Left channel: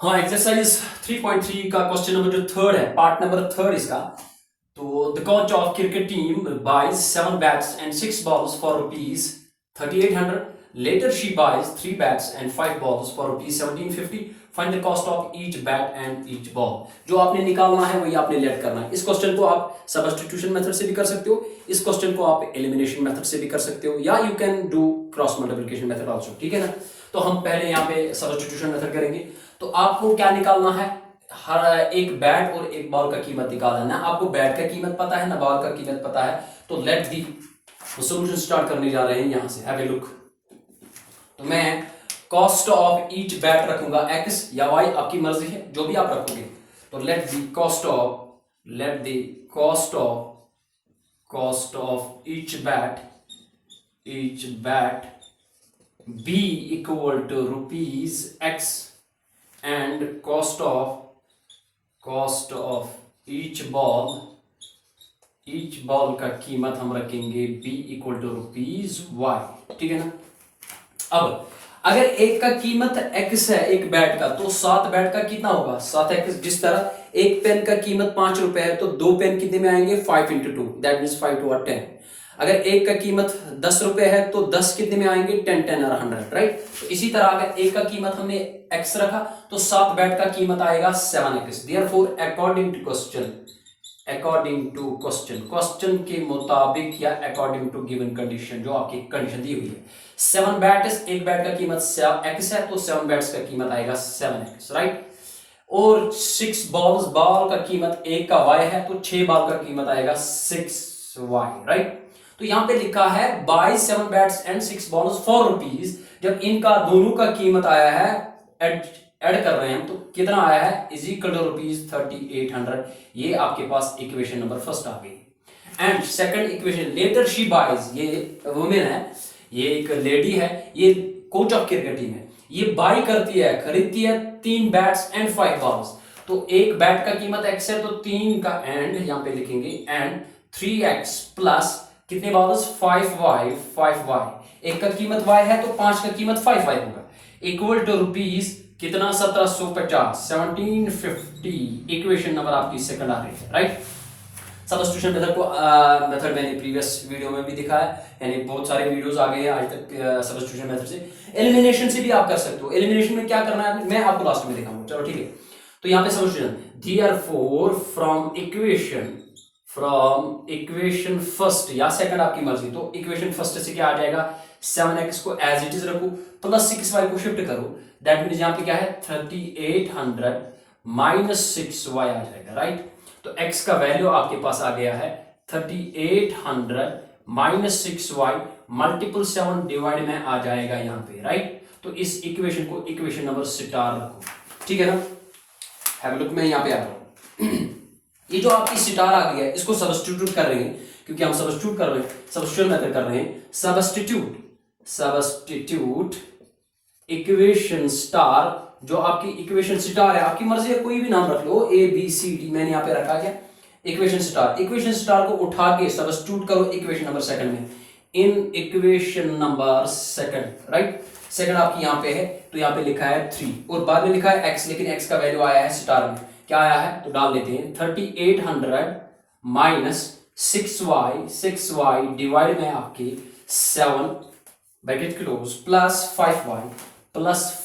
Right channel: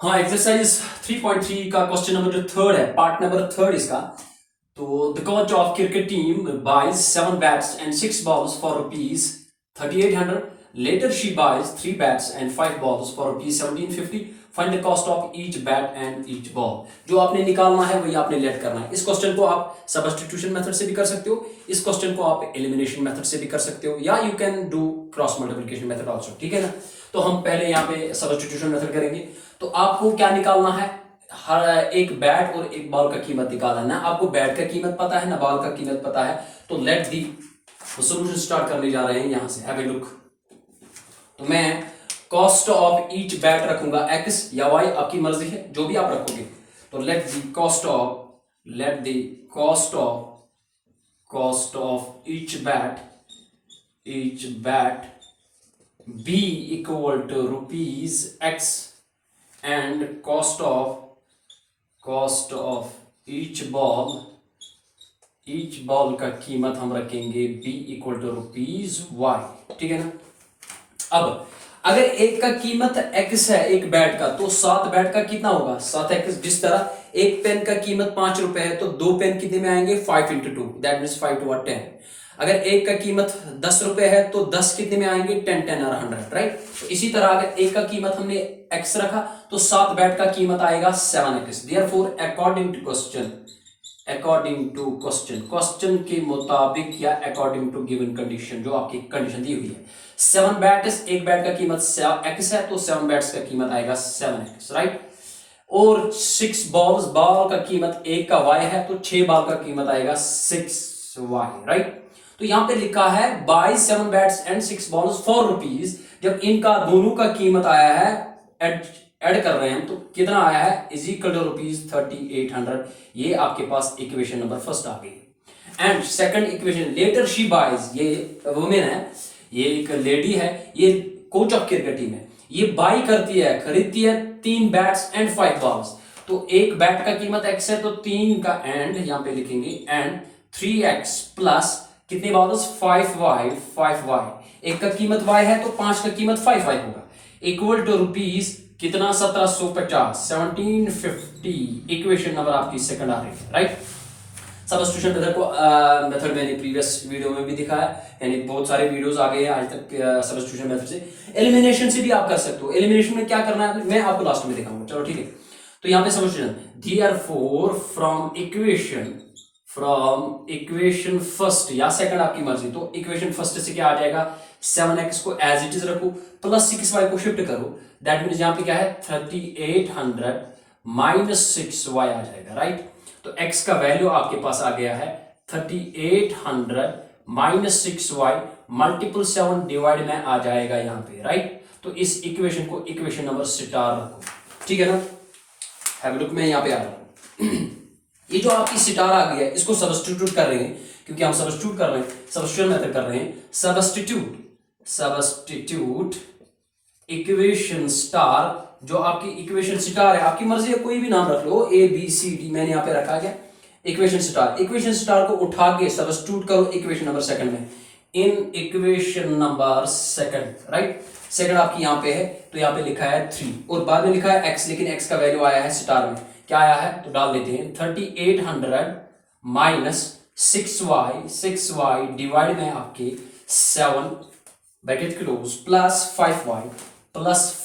हाँ, एक्सरसाइज 3.3 का question number जो थर्ड है, पार्ट नंबर थर्ड इसका। तो the coach of cricket team buys 7 bats and 6 balls for rupees 3800. Later she buys 3 bats and 5 balls for rupees 1750. Find the cost of each bat and each ball. जो आपने निकालना है वही आपने late करना है। इस क्वेश्चन को आप सब्स्टिट्यूशन मेथड से भी कर सकते हो, इस क्वेश्चन को आप एलिमिनेशन मेथड से भी कर सकते हो, या you can do cross multiplication method also. ठीक है ना। तो हम पहले यहाँ पे सब्स्टिट्यूशन मेथड करेंगे। तो आपको क्या निकालना है, हर एक बैट और एक बॉल का कीमत निकालना है ना। आपको बैट का कीमत पता है ना बॉल का कीमत पता है। तो लेट दी सॉल्यूशन स्टार्ट करने जा रहे हैं यहां से। Have a look. तो मैं कॉस्ट ऑफ ईच बैट रखूंगा x या y, आपकी मर्जी है जो भी आप रखोगे। तो let the cost of each bat be equal to rupees x and cost of each ball का कीमत हम रखेंगे b equal to rupees y। ठीक है ना। अब अगर एक का कीमत x है एक बैट का, तो 7 बैट का कितना होगा 7x। जिस तरह एक पेन का कीमत 5 रुपए है, तो 2 पेन कितने में आएंगे 5 into 2, दैट मीन्स 5 to 10। अगर एक का कीमत 10 रुपए है तो 10 कितने में आएंगे 10 10 और 100, राइट। तो इसी तरह अगर एक का कीमत हमने x रखा तो 7 बैट का कीमत आएगा 7x। Therefore according to question के मुताबिक या अकॉर्डिंग टू गिवन कंडीशन, जो आपकी कंडीशन दी हुई है, 7 बैट्स, एक बैट का कीमत x है, तो 7 बैट्स का कीमत आएगा 7x, राइट। और 6 बॉल्स, बॉल का कीमत एक का y है, तो 6 बॉल का कीमत आएगा 6y, राइट। तो यहां पे लिखा है by 7 bats and 6 balls for rupees. जब इनका दोनों का कीमत आया है, ऐड कर रहे हैं, तो कितना आया है इज इक्वल टू रुपीज 3800। ये आपके पास इक्वेशन नंबर फर्स्ट आ गई। And second equation, later she buys, ये वुमेन है, ये एक लेडी है, ये कोच ऑफ क्रिकेट टीम है, ये बाई करती है, खरीदती है 3 बैट्स एंड 5 बॉल्स। तो एक बैट का कीमत x है, तो 3 का एंड यहां पे लिखेंगे एंड 3x प्लस कितने बॉल्स 5y। एक का कीमत y है, तो 5 का कीमत 5y होगा, इक्वल टू रुपीज कितना 1750 1750। इक्वेशन नंबर आपकी सेकंड आ रही है, राइट। सब्स्टिट्यूशन मेथड मैंने प्रीवियस वीडियो में भी दिखाया, यानी बहुत सारे वीडियोस आ गए हैं आज तक सब्स्टिट्यूशन मेथड से। एलिमिनेशन से भी आप कर सकते हो। एलिमिनेशन में क्या करना है मैं आपको लास्ट में दिखाऊंगा, चलो ठीक है। तो यहाँ पे substitution, therefore from equation first या सेकंड आपकी मर्जी। तो इक्वेशन फर्स्ट से क्या आ जाएगा 7x को एज इट इज रखो, प्लस 6y को शिफ्ट करो, दैट मीन्स यहाँ पे क्या है 3800 माइनस 6y आ जाएगा, राइट। तो x का वैल्यू आपके पास आ गया है 3800 माइनस 6y मल्टीपल 7 डिवाइड में आ जाएगा यहाँ पे, राइट। तो इस इक्वेशन को इक्वेशन नंबर स्टार रखो, ठीक है ना। हैव लुक में यहाँ पे आ रहा हूं। ये जो आपकी स्टार आ गई है, इसको सब्स्टिट्यूट कर रहे हैं, क्योंकि हम सब्स्टिट्यूट कर रहे हैं, सब्स्टिट्यूशन मेथड कर रहे हैं। सब्स्टिट्यूट इक्वेशन स्टार, जो आपकी इक्वेशन स्टार है, आपकी मर्जी है कोई भी नाम रख लो, ए बी सी डी, मैंने यहाँ पे रखा है इक्वेशन स्टार को उठा के सब्स्टिट्यूट करो इक्वेशन नंबर सेकंड में, in equation number second, right. Second आपकी यहाँ पे है, तो यहाँ पे लिखा है 3 और बाद में लिखा है x, लेकिन x का वैल्यू आया है स्टार में, क्या आया है तो डाल देते हैं 3800 माइनस 6y डिवाइड में आपके 7 bracket close plus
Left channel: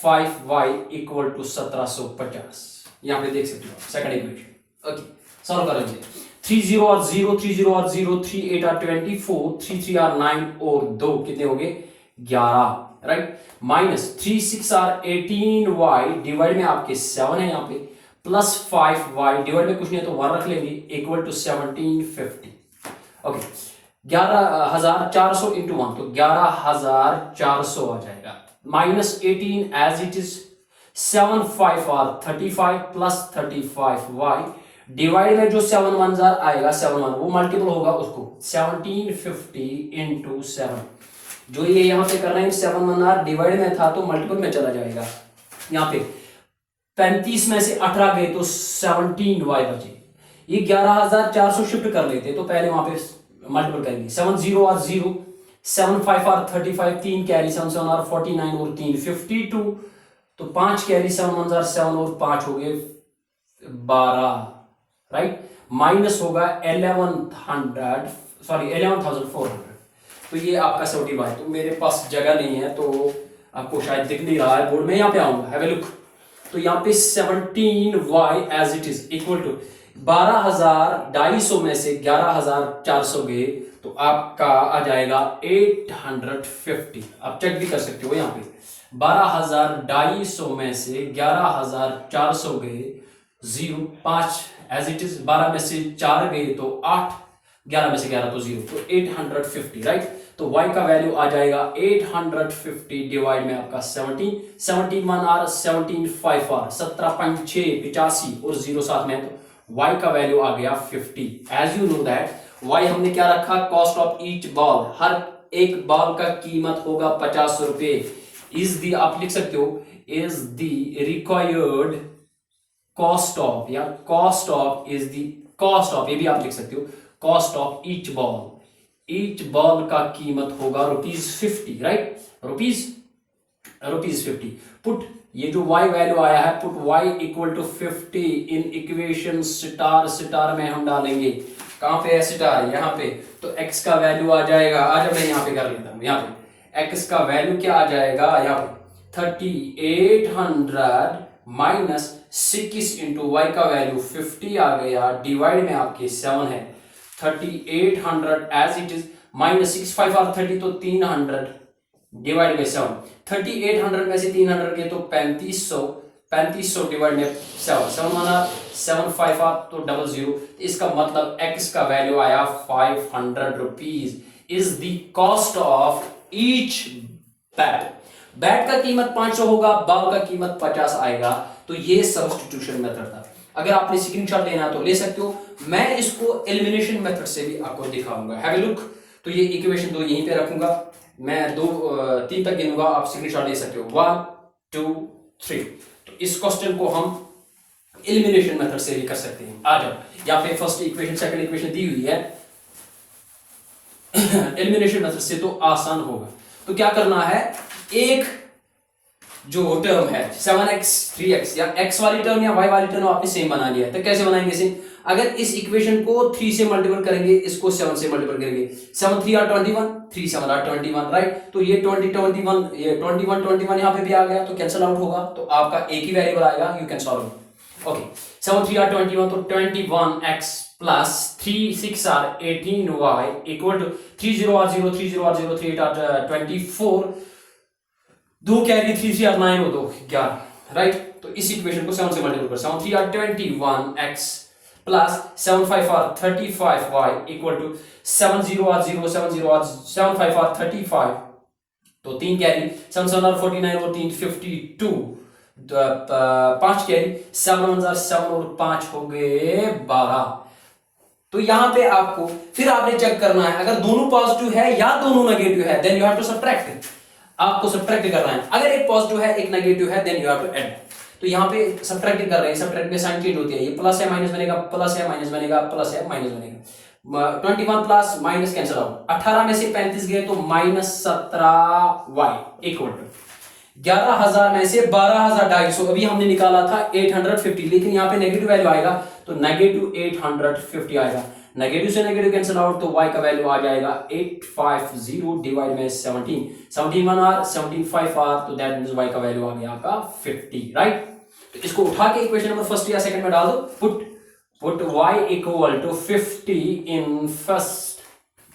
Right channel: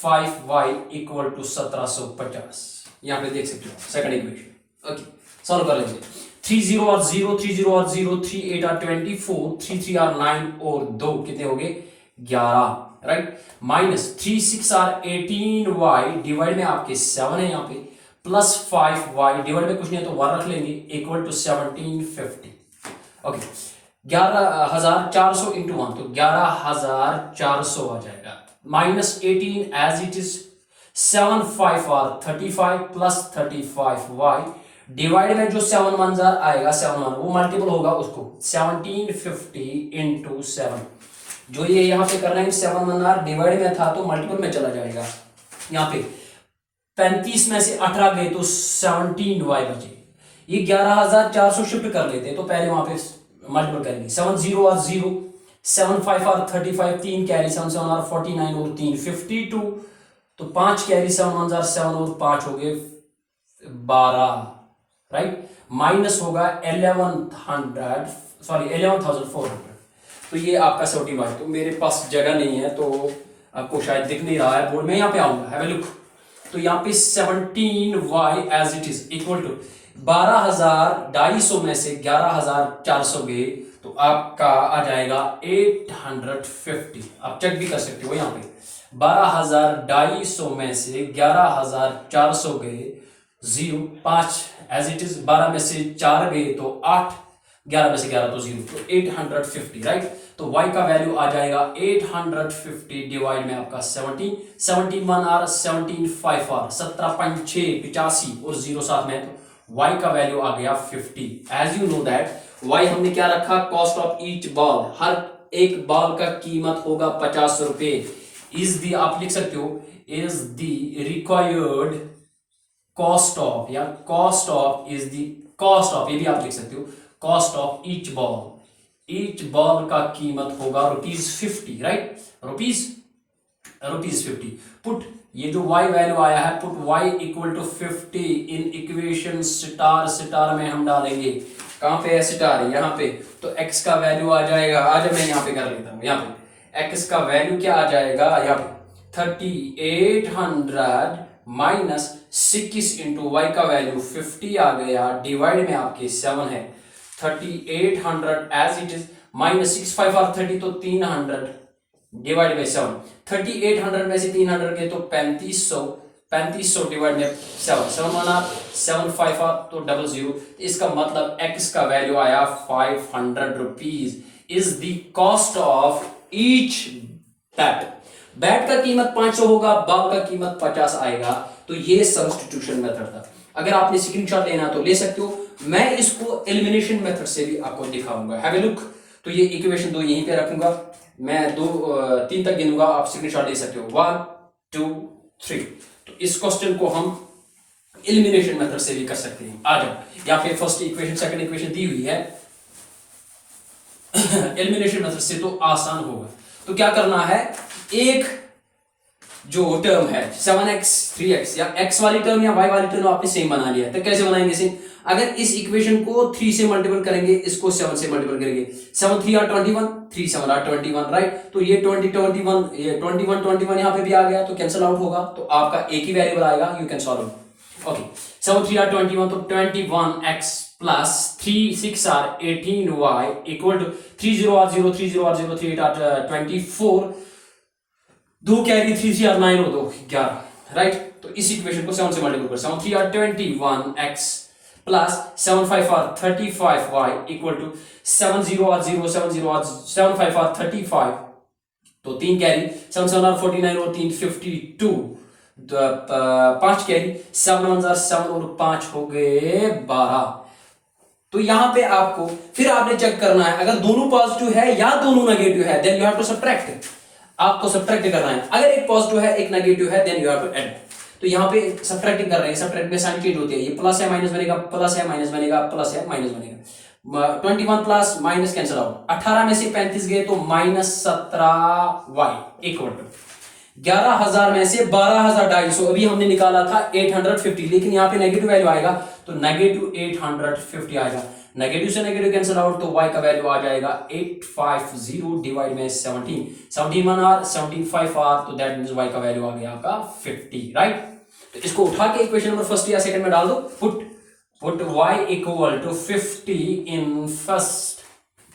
5y equal to 1750। यहां पे देख सकते हो सेकंड इक्वेशन। ओके, सॉल्व कर लीजिए। 3 0 और 0, 3 0 और 0, 3 8 और 24, 3 3 और 9 और 2 कितने हो गए 11, राइट। माइनस 3 6 और 18y डिवाइड में आपके 7 है यहाँ पे, प्लस 5y डिवाइड में कुछ नहीं है तो 1 रख लेंगे, इक्वल टू 1750। ओके, 11400 इंटू 1, तो 11400 आ जाएगा, माइनस 18 एज इट इज, 7 5 और 35 प्लस 35y डिवाइड में जो 7 1 आएगा, 7 1 वो मल्टीपल होगा उसको 1750 इंटू 7। जो ये यहाँ पे कर रहे हैं 7 1 डिवाइड में था तो मल्टीपल में चला जाएगा। यहाँ पे 35 में से 18 गए तो 17y बचे। ये 11400 शिफ्ट कर लेते तो पहले वहां पे मल्टीपल करेंगे, 7 0 और 0, 7 5 और 35, 3 कैरी, 7 7 और 49 और 3 52 तो 5 कैरी 7 1 जार 7 और 5 हो गए 12, राइट। माइनस होगा 11,400। तो ये आपका 75। तो मेरे पास जगह नहीं है तो आपको शायद दिख नहीं रहा है बोर्ड में, यहाँ पे आऊंगा, हैव अ लुक। तो यहाँ पे 17y as it is equal to 12,250 में से 11,400 गए तो आपका आ जाएगा 850। आप चेक भी कर सकते हो यहाँ पे 12,250 में से 11,400 गए 0 5 एज इट इज, 12 में से 4 गए तो 8, 11 में से 11 तो 0, तो 850, राइट। तो y का वैल्यू आ जाएगा 850 डिवाइड में आपका 17 17 1 आर 17 5 आर 17.6 85 और 0 साथ में, तो y का वैल्यू आ गया 50। As you know that y हमने क्या रखा, कॉस्ट ऑफ ईच बॉल, हर एक बॉल का कीमत होगा 50 रुपए। इज दी, आप लिख सकते हो is the required cost of, या cost of is the cost of, ये भी आप लिख सकते हो cost of each ball, each ball का कीमत होगा ₹50, राइट, ₹50। पुट ये जो y वैल्यू आया है, put y equal to 50 in equation star में हम डालेंगे, कहां पे है स्टार, यहाँ पे। तो x का वैल्यू आ जाएगा, आज मैं यहाँ पे कर लेता हूँ, यहाँ पे x का वैल्यू क्या आ जाएगा, यहाँ पे 3800 माइनस 6 इंटू वाई का वैल्यू 50 आ गया, डिवाइड में आपके 7 है, 3800 एज इट इज माइनस 6 5 और 30 तो 300 डिवाइड बाई 7, 3800 में से 300 के तो 3500 डिवाइड में 7 7 1 आर 7 5 आर तो 00। इसका मतलब x का वैल्यू आया 500 rupees is the cost of each bat. Bat का कीमत 500 होगा, बॉल का कीमत 50 आएगा। तो ये सब्स्टिट्यूशन मेथड था। अगर आपने स्क्रीनशॉट लेना तो ले सकते हो, मैं इसको एलिमिनेशन मेथड से भी आपको दिखाऊंगा, हैव अ लुक। तो ये इक्वेशन 2 यहीं पे रखूंगा, मैं 3 तक गिनूंगा, आप स्क्रीनशॉट ले सकते हो, 1 2 3। तो इस क्वेश्चन को हम एलिमिनेशन मेथड से भी कर सकते हैं। आ जाओ, यहाँ पे फर्स्ट इक्वेशन सेकंड इक्वेशन दी हुई है, एलिमिनेशन मेथड से तो आसान होगा। तो क्या करना है, एक जो टर्म है 7x 3x या x वाली टर्म या y वाली टर्म आपने सेम बना लिया, तो कैसे बनाएंगे सेम, अगर इस इक्वेशन को 3 से मल्टीपल करेंगे, इसको 7 से मल्टीपल करेंगे, 7 3 आर 21 3 7 आर 21, राइट। तो ये 20 21 ये 21 21 यहाँ पे भी आ गया, तो कैंसिल आउट होगा, तो आपका एक ही वेरिएबल आएगा, you can solve. Okay, 7 3 are 21 तो 21x plus 3 6 are 18y equal to 3 0 are 0 3 0 are 0 3 8 are 24, 2 carry 3 3 are 9 और 2 11, राइट। तो इस इक्वेशन को 7 से मल्टीपल कर, 7 3 are 21x plus 7 5 are 35y equal to 7 0 are 0 7 0 are 7 5 are 35, तो 3 कैरी 7 7 आर 49 और 3 52, 5 carry 7 1 are 7 और 5 हो गए 12। तो यहां पे आपको फिर आपने चेक करना है, अगर दोनों पॉजिटिव है या दोनों नेगेटिव है, then you have to subtract, आपको सबट्रैक्ट करना है। अगर एक पॉजिटिव है एक नेगेटिव है, then you have to add. तो यहाँ पे सबट्रैक्टिंग कर रहे हैं, सबट्रैक्ट में साइन चेंज होती है, ये प्लस है माइनस बनेगा, प्लस है माइनस बनेगा, प्लस है माइनस बनेगा, 21 प्लस माइनस कैंसिल आउट, 18 में से 35 गए तो माइनस 17y इक्वल टू 11,000 में से 12,250, अभी हमने निकाला था 850, लेकिन यहाँ पे नेगेटिव वैल्यू आएगा तो नेगेटिव 850 आएगा, नेगेटिव से नेगेटिव कैंसिल आउट, तो y का वैल्यू आ जाएगा 850 डिवाइड में 17 17 1 आर 17 5 आर, तो दैट मींस y का वैल्यू आ गया आपका 50, राइट। तो इसको उठा के इक्वेशन नंबर फर्स्ट या सेकंड में डाल दो, put y equal to 50 in first.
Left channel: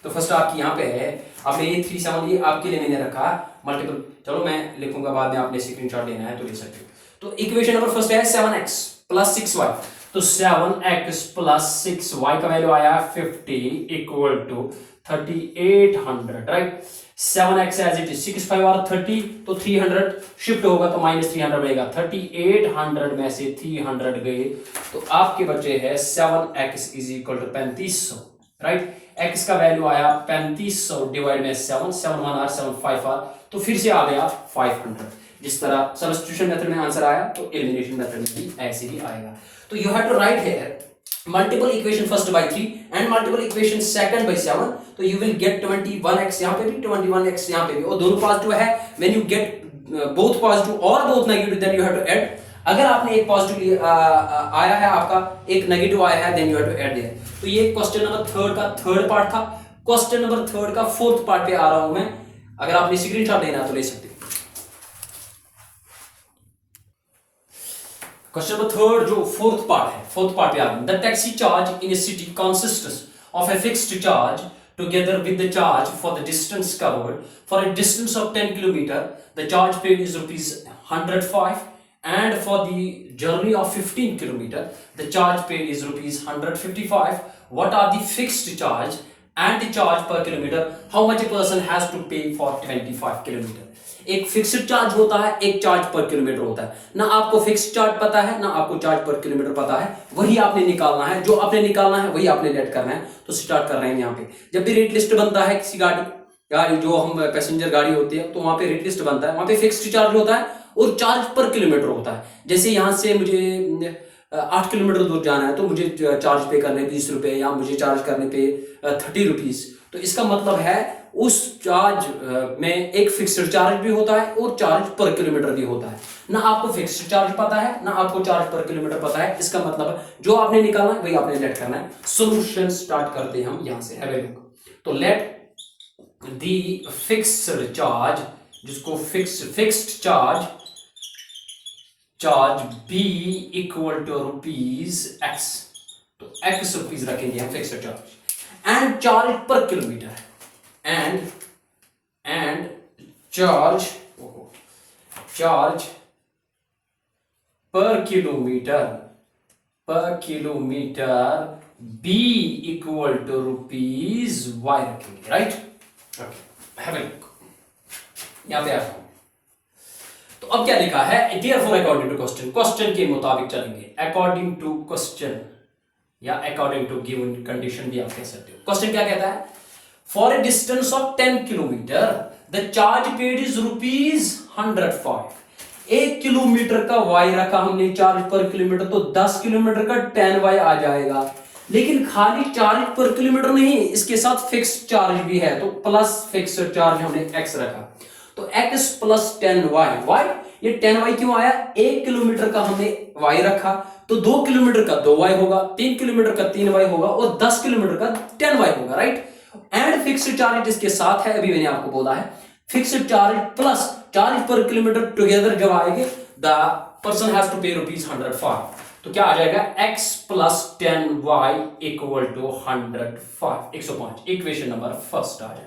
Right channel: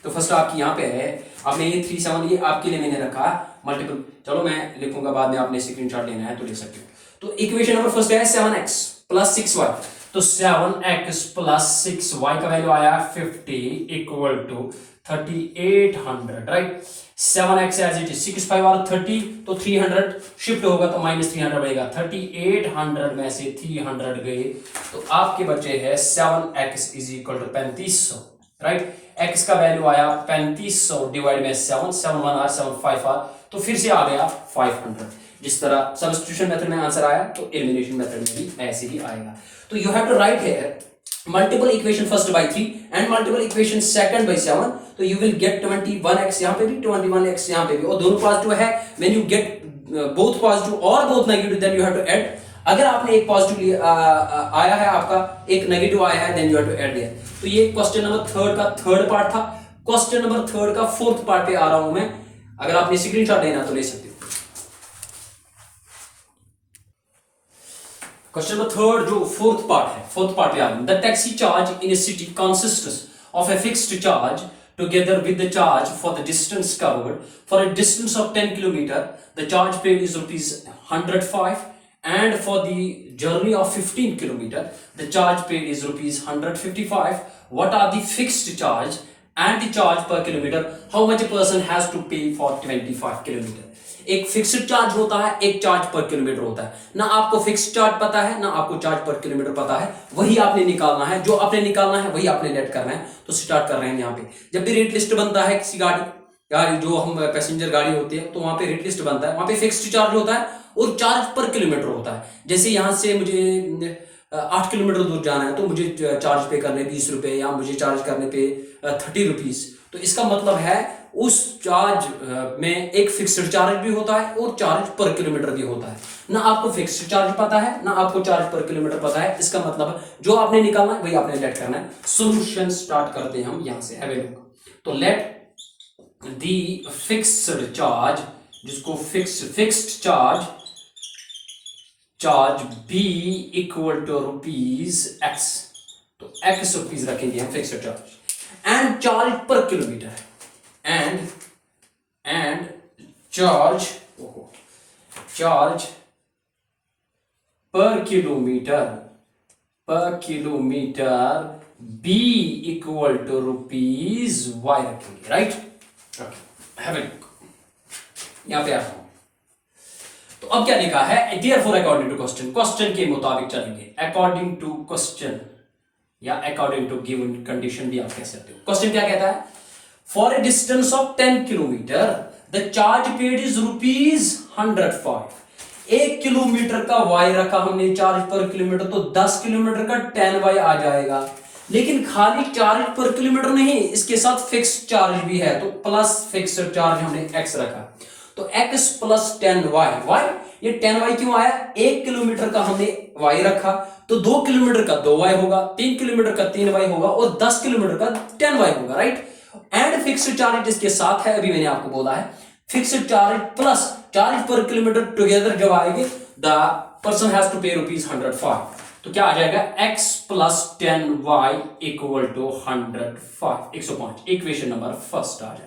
तो फर्स्ट आपकी यहाँ पे है, आपने ये 3 7 ये आपके लिए मैंने रखा है मल्टीपल, चलो मैं लिखूंगा बाद में, आपने स्क्रीनशॉट लेना है तो ले सकते हो। तो इक्वेशन नंबर फर्स्ट है 7x प्लस 6y, तो 7x प्लस 6y का वैल्यू आया 50 equal to 3800, right. 7x as it is 6 5 और 30, तो 300 शिफ्ट होगा तो माइनस 300 बनेगा, 3800 में से 300 गए तो आपके बचे हैं 7x is equal to 3500, right. x का वैल्यू आया 3500 डिवाइड में 7 7 1 आर 7 5 आर, तो फिर से आ गया 500। जिस तरह सब्स्टिट्यूशन मेथड में आंसर आया तो एलिमिनेशन मेथड में भी ऐसे ही आएगा। तो you have to write here multiple equation first by 3 and multiple equation second by 7, तो यू विल गेट 21x, यहाँ पे भी 21x यहाँ पे भी, और दोनों पॉजिटिव है। When you get both positive और both negative then you have to add. अगर आपने एक पॉजिटिव आया है आपका, एक नेगेटिव आया है, then you have to add there. तो ये क्वेश्चन नंबर थर्ड का थर्ड पार्ट था। क्वेश्चन नंबर थर्ड का फोर्थ पार्ट पे आ रहा हूं मैं, अगर आपने स्क्रीनशॉट लेना तो ले सकते हो। क्वेश्चन नंबर थर्ड जो फोर्थ पार्ट है, फोर्थ पार्ट पे आ रहा हूं। The taxi charge in A city consists of a fixed charge together with the charge for the distance covered. For a distance of 10 km, the charge paid is rupees 105, and for the journey of 15 km, the charge paid is rupees 155. What are the fixed charge and the charge per kilometer? How much a person has to pay for 25 km? एक fixed charge होता है, एक charge per kilometre होता है। ना आपको fixed charge पता है, ना आपको चार्ज पर किलोमीटर पता है, वही आपने निकालना है। जो आपने निकालना है वही आपने लेट करना है। तो स्टार्ट कर रहे हैं यहाँ पे। जब भी रेट लिस्ट बनता है किसी गाड़ी जो हम पैसेंजर गाड़ी होती है, तो वहां पे रेट लिस्ट बनता है, वहां पे फिक्स्ड चार्ज होता है और चार्ज पर किलोमीटर होता है। जैसे यहाँ से मुझे 8 किलोमीटर दूर जाना है, तो मुझे चार्ज पे करने 20 रुपए, या मुझे चार्ज करने पे 30 रुपीज। तो इसका मतलब है उस चार्ज में एक फिक्स्ड चार्ज भी होता है और चार्ज पर किलोमीटर भी होता है। ना आपको फिक्स्ड चार्ज पता है, ना आपको चार्ज पर किलोमीटर पता है। इसका मतलब जो आपने निकालना है वही आपने लेट करना है। सॉल्यूशन स्टार्ट करते हैं हम यहां से। Have a look. तो लेट द फिक्स्ड चार्ज, जिसको fixed charge be equal to rupees एक्स। तो एक्स रुपीज रखेंगे हम fixed charge, and charge per kilometre, and charge per kilometer b equal to rupees y रखेंगे, राइट। Have a look. यहां पे आता हूं। तो अब क्या लिखा है, dear for according to question, question के मुताबिक चलेंगे। अकॉर्डिंग टू क्वेश्चन या अकॉर्डिंग टू गिवन कंडीशन भी आप कह सकते हो। क्वेश्चन क्या कहता है, For a distance of 10 kilometer, the charge paid is rupees 105. 1 kilometre का y रखा हमने चार्ज पर किलोमीटर, तो 10 किलोमीटर का 10y आ जाएगा। लेकिन खाली चार्ज पर किलोमीटर नहीं, इसके साथ फिक्स्ड चार्ज भी है, तो प्लस फिक्स्ड चार्ज हमने x रखा। तो x प्लस 10y, ये 10y क्यों आया, 1 किलोमीटर का हमने y रखा, तो 2 किलोमीटर का 2y होगा, 3 किलोमीटर का 3y होगा, और 10 किलोमीटर का 10y होगा, राइट। एंड फिक्स्ड चार्ज इसके साथ है, अभी मैंने आपको बोला है। Fixed charge plus charge per kilometre together जब आएंगे, the person has to pay rupees 105। तो क्या आ जाएगा, x plus 10y equal to 105। Equation number first आ जाएगा।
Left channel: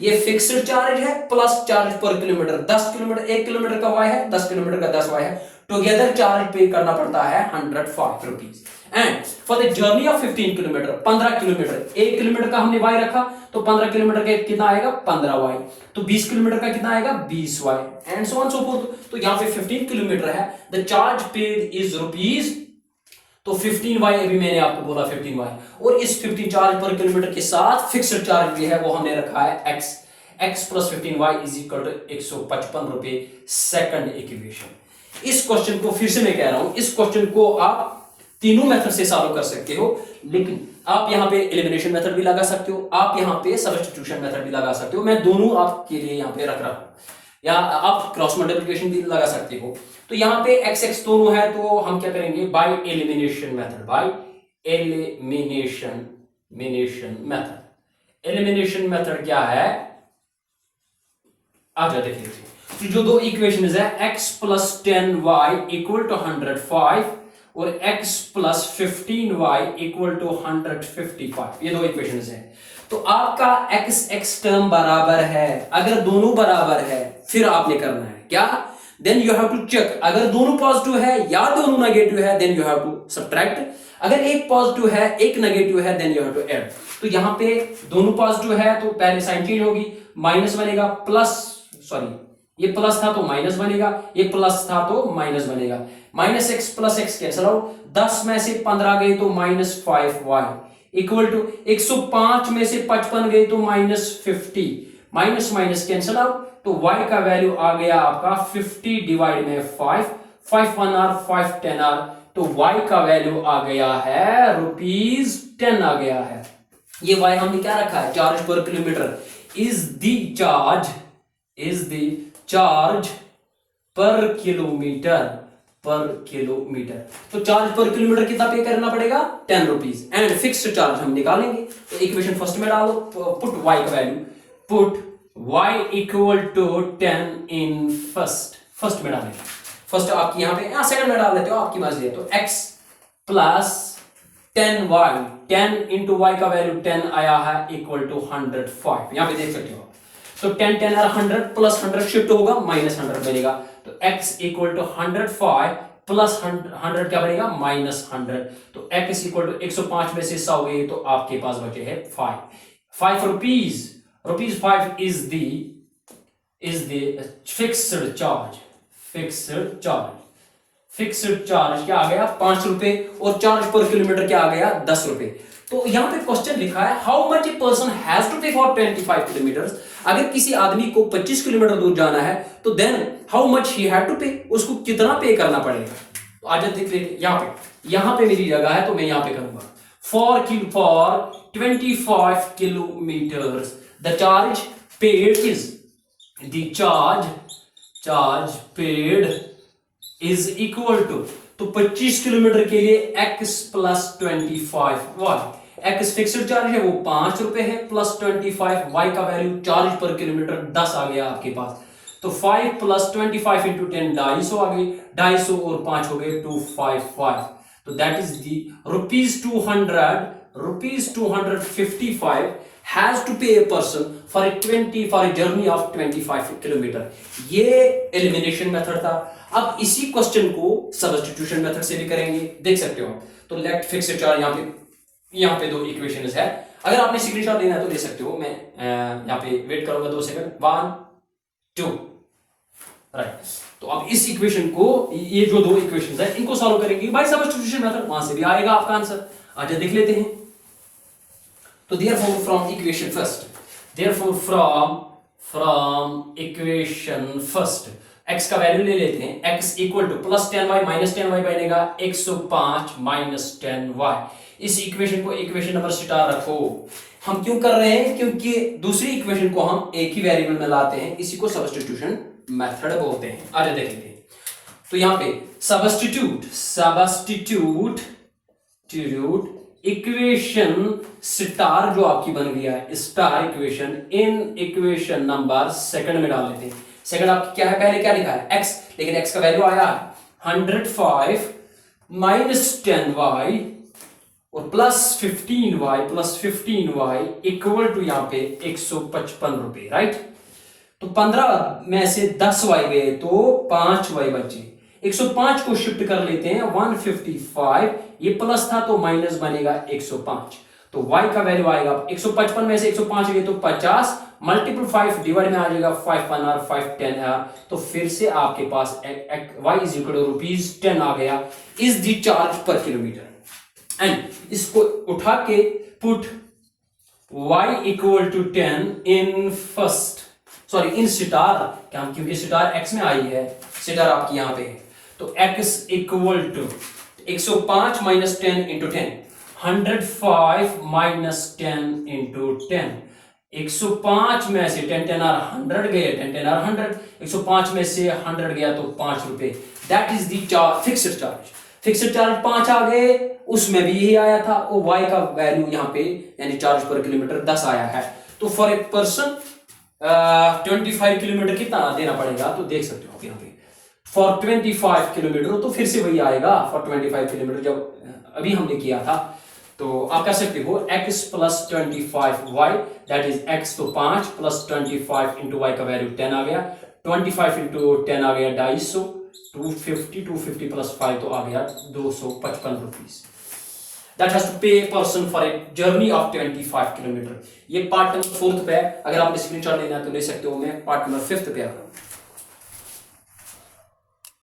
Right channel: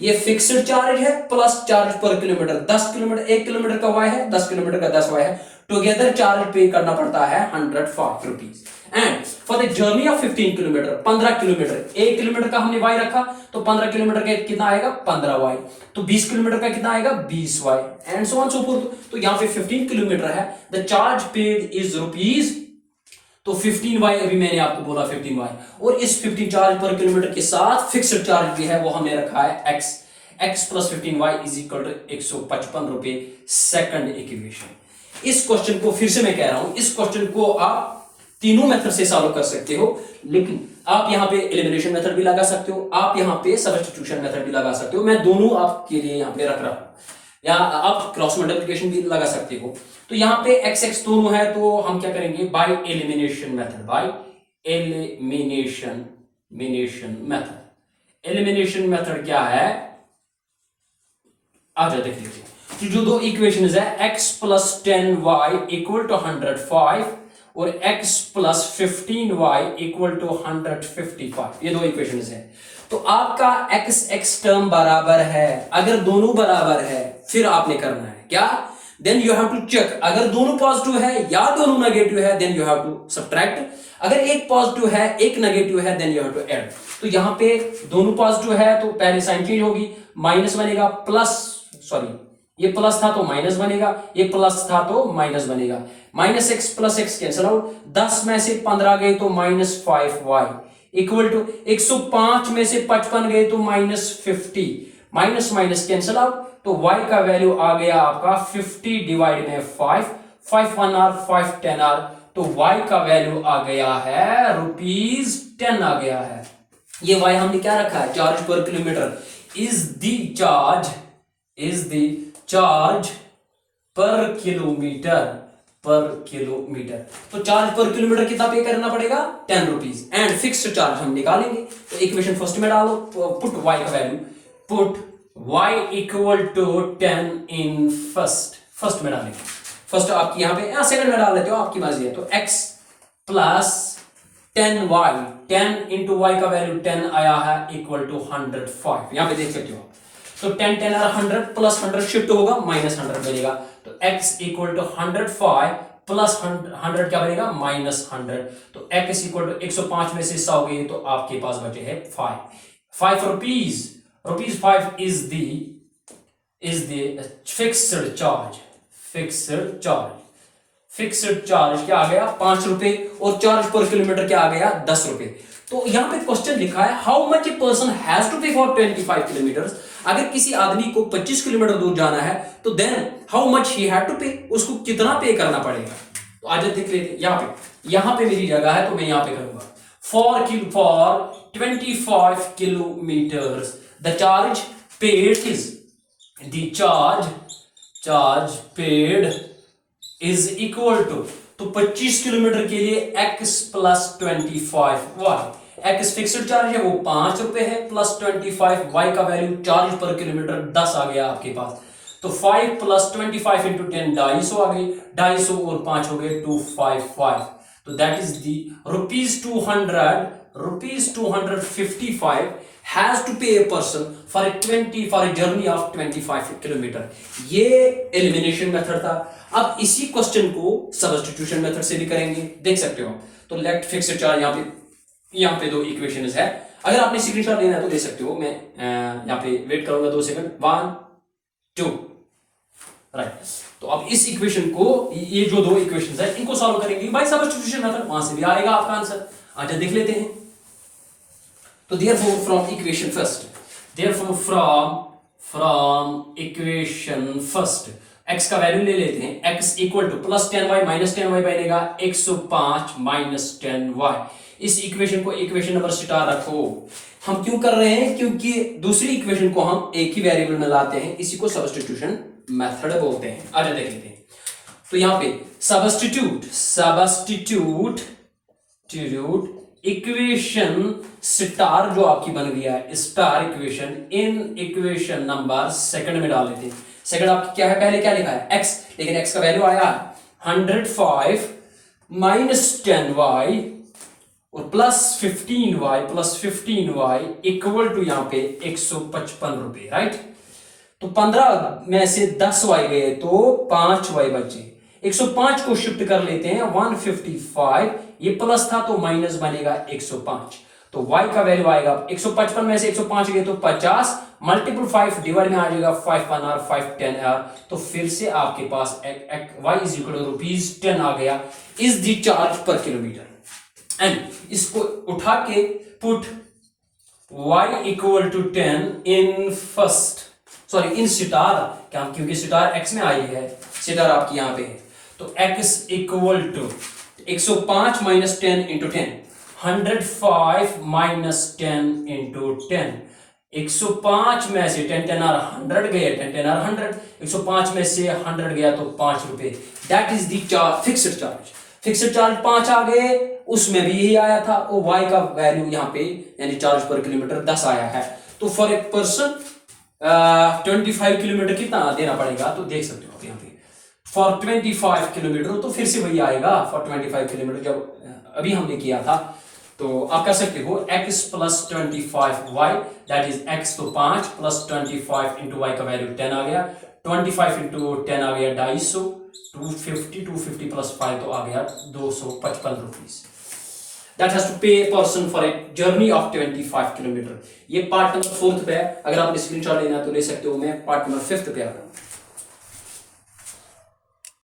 ये फिक्स्ड चार्ज है plus charge per kilometre, 10 kilometre 1 kilometre का y है, 10 किलोमीटर का 10y है, टुगेदर चार्ज पे करना पड़ता है 105 rupees. And for the journey of 15 kilometre, 15 kilometre, 1 kilometre का हमने y रखा, तो 15 किलोमीटर का कितना आएगा, 15y। तो 20 किलोमीटर का कितना आएगा, 20y, and so on so fourth. तो यहाँ पे 15 किलोमीटर है, the charge paid is rupees, तो 15y अभी मैंने आपको बोला 15y, और इस 15 चार्ज पर किलोमीटर के साथ फिक्स्ड चार्ज भी है, वो हमने रखा है x plus 15y is equal to 155 रुपए। Second equation. इस क्वेश्चन को फिर से मैं कह रहा हूं, इस क्वेश्चन को आप तीनों मेथड से सॉल्व कर सकते हो, लेकिन आप यहां पे एलिमिनेशन मेथड भी लगा सकते हो, आप यहां पे सब्स्टिट्यूशन मेथड भी लगा सकते हो। मैं दोनों आपके लिए यहां पे रख रहा हूं, या आप क्रॉस मल्टीप्लिकेशन भी लगा सकते हो। तो यहाँ पे x दोनों है, तो हम क्या करेंगे, by elimination method, by elimination method. Elimination method क्या है, आ जाए देख लीजिए। तो जो दो इक्वेशंस है, x plus 10y equal to 105 और x plus 15y equal to 155, ये दो इक्वेशंस है। तो आपका x टर्म बराबर है, अगर दोनों बराबर है फिर आपने करना है क्या, then you have to check. अगर दोनों पॉजिटिव है या दोनों नेगेटिव है, then you have to subtract. अगर एक पॉजिटिव है एक नेगेटिव है, then you have to add. तो यहाँ पे दोनों पॉजिटिव है, तो पहले साइन चेंज होगी, माइनस बनेगा प्लस, सॉरी ये प्लस था तो माइनस बनेगा, ये प्लस था तो माइनस बनेगा। Minus x plus x cancel out, 10 में से 15 गए तो माइनस 5y इक्वल टू 105 में से 55 गए तो minus 50, minus minus cancel out, तो y का वैल्यू आ गया आपका 50 डिवाइड में 5, 5 1 आर 5 10 आर, तो y का वैल्यू आ गया है रुपीज 10 आ गया है। ये y हमने क्या रखा है, charge per kilometre is the charge per kilometre, पर किलोमीटर। तो चार्ज पर किलोमीटर कितना पे करना पड़ेगा, 10 रुपीज। एंड फिक्स्ड चार्ज हम निकालेंगे, तो इक्वेशन फर्स्ट में डालो, पुट y का value, put y equal to 10 in first में डालेंगे। फर्स्ट आपकी यहाँ पे, यहाँ सेकंड में डाल देते हो, आपकी मर्जी है। तो x plus 10y, 10 into y का वैल्यू 10 आया है इक्वल टू 105, यहाँ पे देख सकते हो। तो 10 10 और 100 प्लस 100 शिफ्ट होगा, माइनस 100 बनेगा। तो x इक्वल टू 105 प्लस 100 क्या बनेगा, माइनस 100। तो x इक्वल टू 105 में से 100 गई, तो आपके पास बचे है 5 rupees. Rupees 5 is the fixed charge. Fixed charge क्या आ गया, 5 रुपए, और चार्ज पर किलोमीटर क्या आ गया, 10 रुपए। तो यहां पे क्वेश्चन लिखा है how much a person has to pay for 25 kilometre. अगर किसी आदमी को 25 किलोमीटर दूर जाना है, तो then how much he had to pay, उसको कितना पे करना पड़ेगा। तो आज देख लेते, यहां पे मेरी जगह है, तो मैं यहां पे करूंगा for 25 kilometre the charge paid is, the charge paid is equal to, तो 25 किलोमीटर के लिए x plus 25y, x fixed charge है वो 5 रुपए है, प्लस 25y का वैल्यू चार्ज पर किलोमीटर 10 आ गया आपके पास। तो 5 प्लस 25 इंटू 10 250 आ गई, 250 और 5 हो गए 255। तो that is the rupees 255 has to pay a person for a journey of 25 kilometre. ये एलिमिनेशन मेथड था। अब इसी क्वेश्चन को सब्स्टिट्यूशन मेथड से भी करेंगे, देख सकते हो। तो लेट फिक्स्ड चार्ज, यहाँ पे दो इक्वेशंस है। अगर आपने स्क्रीनशॉट लेना है तो ले सकते हो, मैं यहाँ पे वेट करूंगा 2 सेकंड, 1 2 राइट। तो अब इस इक्वेशन को, ये जो दो इक्वेशंस है इनको सॉल्व करेंगे बाय सब्स्टिट्यूशन मेथड, वहां से भी आएगा आपका आंसर। आज देख लेते हैं। तो therefore from equation first x का वैल्यू ले लेते हैं, x equal two plus 10y minus 10y बनेगा 105 माइनस 10y। इस इक्वेशन को इक्वेशन नंबर स्टार रखो। हम क्यों कर रहे हैं, क्योंकि दूसरी इक्वेशन को हम एक ही वेरिएबल में लाते हैं, इसी को सब्स्टिट्यूशन मेथड बोलते हैं। आगे देखेंगे। तो यहां पे सब्स्टिट्यूट इक्वेशन स्टार जो आपकी बन गया है, star equation, in equation number second में डाल लेते हैं। सेकंड आपकी क्या है, पहले क्या लिखा है x, लेकिन x का वैल्यू आया 105 माइनस 10y और प्लस 15y इक्वल टू यहाँ पे 155 रुपए, राइट। तो 15 में से 10y गए तो 5y बचे, 105 को शिफ्ट कर लेते हैं 155, ये प्लस था तो माइनस बनेगा 105। तो y का वैल्यू आएगा 155 में से 105 गए तो 50, मल्टीपल 5 डिवाइड में आ जाएगा 5 1 और 5 10 r। तो फिर से आपके पास y is equal to rupees 10 आ गया, is the charge per kilometre. And इसको उठा के put y equal to 10 in in star, क्या, क्योंकि स्टार x में आई है, स्टार आपकी यहां पे है। तो x equal to 105 minus 10 into 10, 105 minus 10 into 10, 105 में से 10 10 और 100 गए, 10 10 और 100, 105 में से 100 गया तो 5 रुपए। That is the fixed charge. Fixed charge 5 आ गए, उसमें भी यही आया था, और y का वैल्यू यहाँ पे यानी चार्ज पर किलोमीटर 10 आया है। तो फॉर ए पर्सन 25 किलोमीटर कितना देना पड़ेगा, तो देख सकते हो आप यहाँ पे फॉर 25 किलोमीटर, तो फिर से वही आएगा फॉर 25 किलोमीटर जब अभी हमने किया था। तो आप कर सकते हो x plus 25y, that is x तो 5 प्लस 25 इंटू वाई का वैल्यू 10 आ गया, 25 इंटू 10 आ गया 250, 250 प्लस 5 तो आ गया 255 rupees. That has to pay a person for a journey of 25 kilometre. ये पार्ट नंबर 4 पे है, अगर आपने स्क्रीनशॉट लेना है तो ले सकते हो। मैं पार्ट नंबर 5 पे आ रहा हूँ।